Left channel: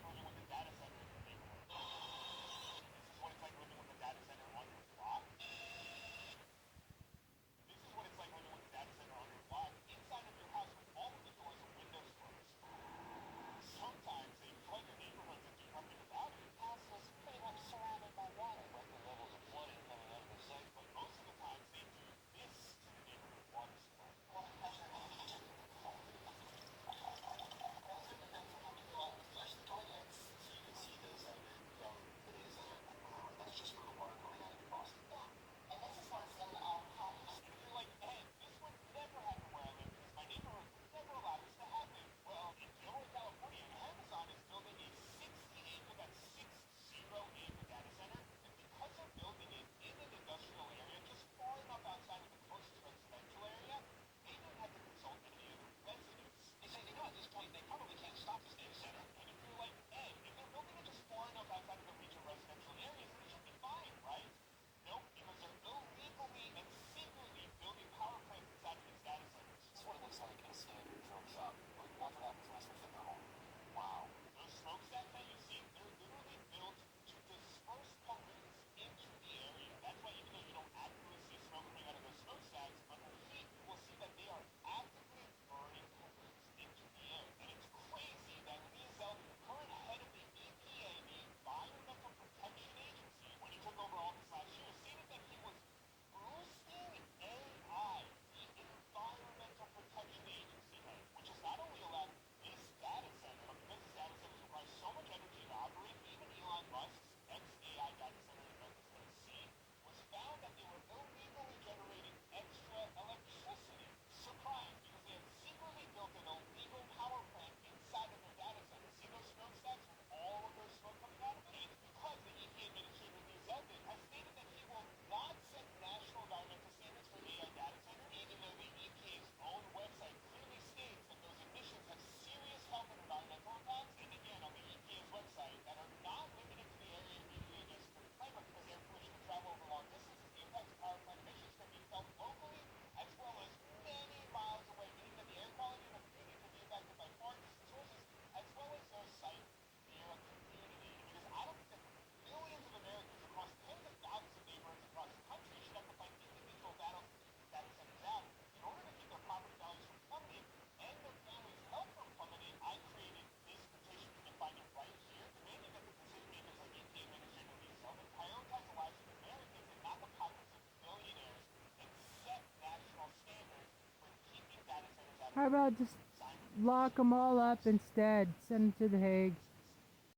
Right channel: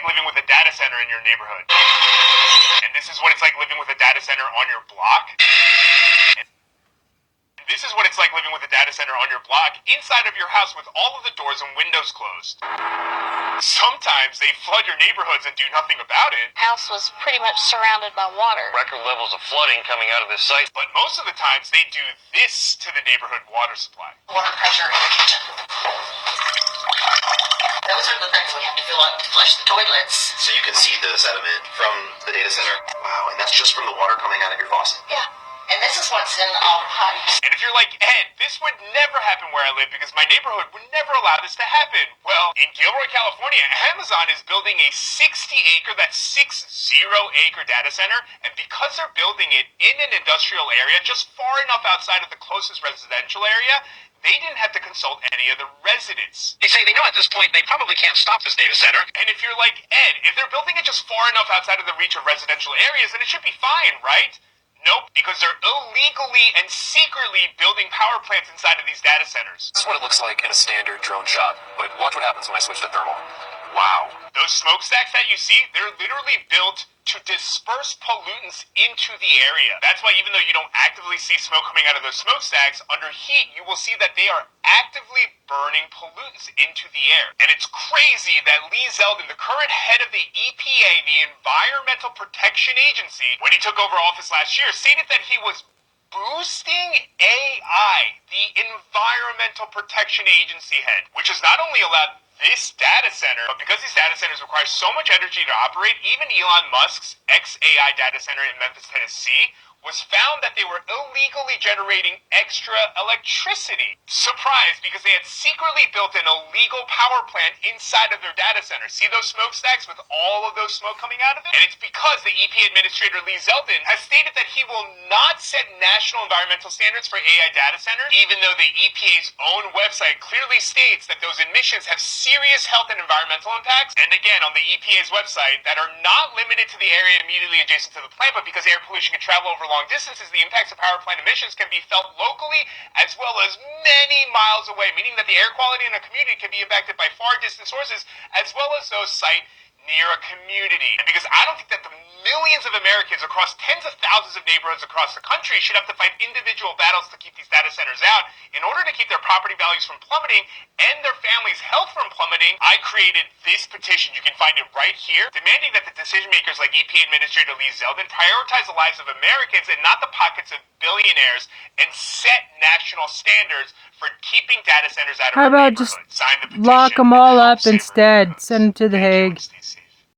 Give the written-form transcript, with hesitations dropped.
like living with a data center in your neighborhood. And this is what it's like living with a data center on your block. And this is what it's like living with a data center on your block inside of your house with all of the doors and windows closed. Sometimes they flood your neighborhoods and do nothing about it. House was pretty much surrounded by water. Record levels of flooding coming out of this site. But most of the times they do this to the neighborhood water supply. Water pressure in the kitchen. Those are the things we have to fill up to flush the toilets. So you can see the sediment from the data center. Wow, and that's just from the water coming out of your faucet. Yeah. And this is what's in all the pipes. And if you're like, Ed, this would never happen where I live because my neighborhood would never allow this to happen. Well, in Gilroy, California, Amazon is building a 60-acre, that's 60-acre data center. And because they're building it in an industrial area just far enough outside of the closest residential area, they didn't have to consult any of the residents. They say they know at this point they probably can't stop this data center. And if you're like, Ed, if they're building it just far enough outside of the reach of residential areas, then it should be fine, right? Nope, because they're illegally and secretly building power plants inside of these data centers. This is what it looks like in a standard drone shot. But watch what happens when I switch to thermal. Wow. Those smokestacks that you see, they're literally built to disperse pollutants into the area. That's why even though you don't actively see smoke coming out of those smokestacks, under heat, you will see that they are actively burning pollutants into the air. And it's crazy that Lee Zeldin, the current head of the EPA, the Environmental Protection Agency, when he took over office last year, stated that he was boosting AI, the Environmental Protection Agency head, which has not only allowed this data center, but because these data centers require so much energy to operate, even Elon Musk's ex-AI data center in Memphis, Tennessee, was found that they were illegally generating extra electricity. Surprise, because they had secretly built an illegal power plant inside of their data center. See those smokestacks with all of those smoke coming out of it? And it's because the EPA Administrator Lee Zeldin has stated that he will not set national environmental standards for AI data centers, even though the EPA's own website clearly states that those emissions have serious health and environmental impacts. And again, on the EPA's website, that are not limited to the area immediately adjacent to the plant, but because air pollution can travel over long distances, the impacts of power plant emissions can be felt locally as well as many miles away, meaning that the air quality in a community can be impacted by far distant sources as well as those site near a community. And because I don't think that the millions of Americans across tens of thousands of neighborhoods across the country should have to fight individual battles to keep these data centers out in order to keep their property values from plummeting and their families' health from plummeting, I created this petition. You can find it right here, demanding that the decision makers like EPA Administrator Lee Zeldin prioritize the lives of Americans and not the pockets of billionaires and set national standards for keeping data centers out of How our about just neighborhoods. Sign the petition lock them all and help up save our instead? neighborhoods. Send them to The Thank you, Hague. STC.